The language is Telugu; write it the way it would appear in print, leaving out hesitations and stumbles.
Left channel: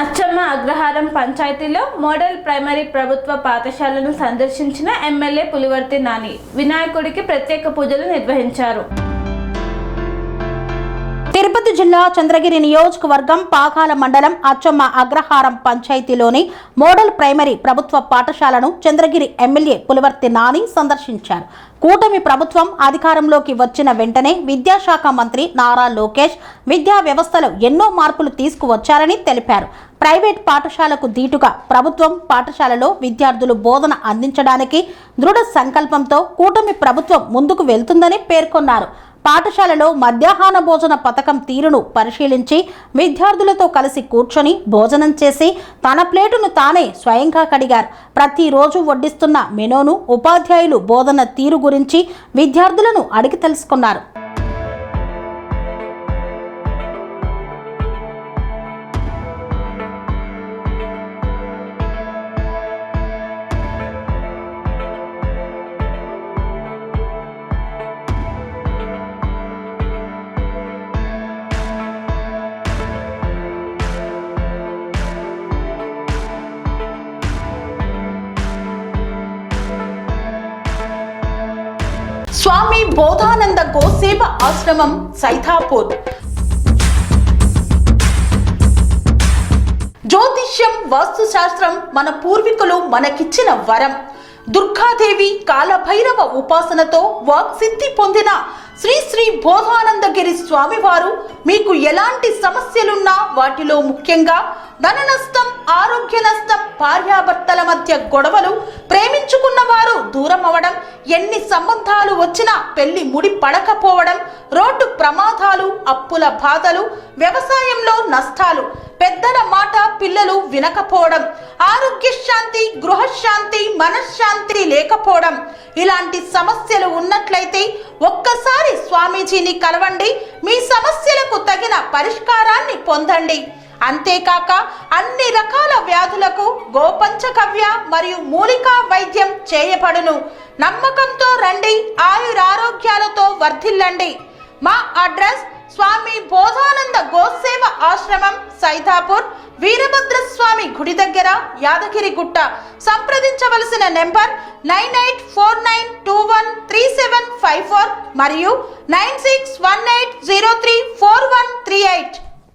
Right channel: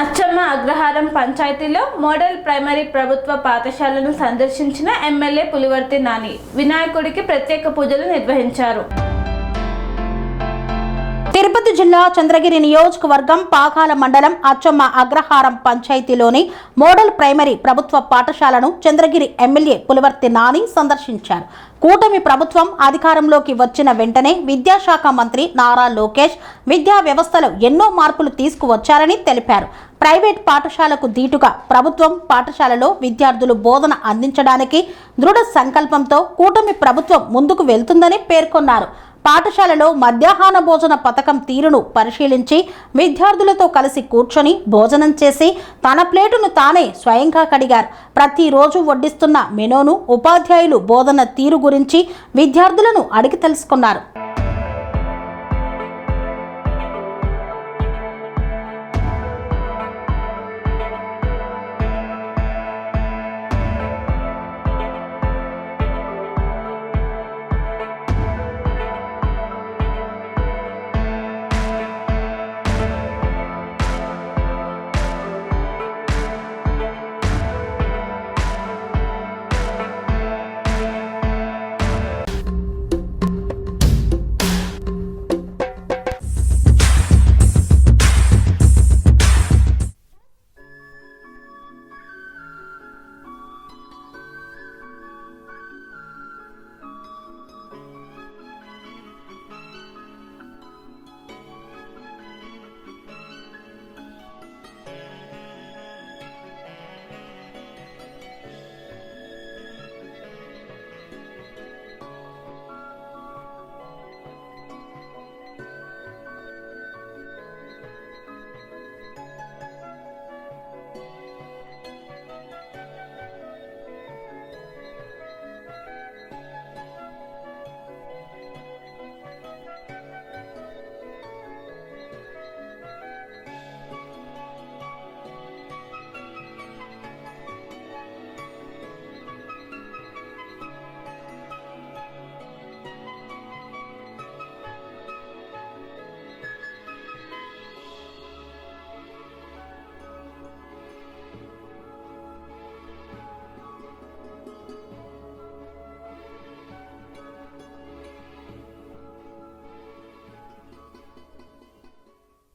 అచ్చమ్మ అగ్రహారం పంచాయతీలో మోడల్ ప్రైమరీ ప్రభుత్వ పాఠశాలను సందర్శించిన ఎమ్మెల్యే పులివర్తి నాని వినాయకుడికి ప్రత్యేక పూజలు నిర్వహించారు. తిరుపతి జిల్లా చంద్రగిరి నియోజకవర్గం పాకాల మండలం అచ్చమ్మ అగ్రహారం పంచాయతీలోని మోడల్ ప్రైమరీ ప్రభుత్వ పాఠశాలను చంద్రగిరి ఎమ్మెల్యే పులివర్తి నాని సందర్శించారు. కూటమి ప్రభుత్వం అధికారంలోకి వచ్చిన వెంటనే విద్యాశాఖ మంత్రి నారా లోకేష్ విద్యా వ్యవస్థలో ఎన్నో మార్పులు తీసుకువచ్చారని తెలిపారు. ప్రైవేట్ పాఠశాలకు ధీటుగా ప్రభుత్వం పాఠశాలలో విద్యార్థులు బోధన అందించడానికి దృఢ సంకల్పంతో కూటమి ప్రభుత్వం ముందుకు వెళ్తుందని పేర్కొన్నారు. పాఠశాలలో మధ్యాహ్న భోజన పథకం తీరును పరిశీలించి విద్యార్థులతో కలిసి కూర్చొని భోజనం చేసి తన ప్లేటును తానే స్వయంగా కడిగారు. ప్రతిరోజు వడ్డిస్తున్న మెనూను ఉపాధ్యాయులు బోధన తీరు గురించి విద్యార్థులను అడిగి తెలుసుకున్నారు. స్వామి బోధానంద గోసేవ ఆశ్రమం సైతాపూర్. జ్యోతిష్యం వాస్తుశాస్త్రం మన పూర్వీకులు మనకిచ్చిన వరం. దుర్గాదేవి కాలభైరవ ఉపాసనతో వాక్సిద్ధి పొందిన శ్రీ శ్రీ బోధానందగిరి స్వామివారు మీకు ఎలాంటి సమస్యలున్నా వాటిలో ముఖ్యంగా ధన నష్టం, ఆరోగ్య నష్టం, భార్యాభర్తల మధ్య గొడవలు, ప్రేమించుకున్న వారు దూరం అవడం, ఎన్ని సంబంధాలు వచ్చినా పెళ్లి ముడి పడకపోవడం, రోడ్డు ప్రమాదాలు, అప్పుల బాధలు, వ్యవసాయంలో నష్టాలు, పెద్దల మాట పిల్లలు వినకపోవడం, ఆరోగ్య శాంతి, గృహశాంతి, మనశ్శాంతి లేకపోవడం, ఇలాంటి సమస్యలు ఉన్నట్లయితే ఒక్కసారి స్వామీజీని కలవండి. మీ సమస్యలకు తగిన పరిష్కారాన్ని పొందండి. అంతేకాక అన్ని రకాల వ్యాధులకు గోపంచగవ్య మరియు మూలికా వైద్యం చేయబడును. నమ్మకంతో రండి, ఆయురారోగ్యాలతో వర్ధిల్లండి. మా అడ్రస్ స్వామి బోధానంద గోసేవ ఆశ్రమం సైతాపూర్, వీరభద్రస్వామి గుడి దగ్గర, యాదగిరిగుట్ట. సంప్రదించవలసిన నెంబర్ 9849213754 మరియు 9618034138.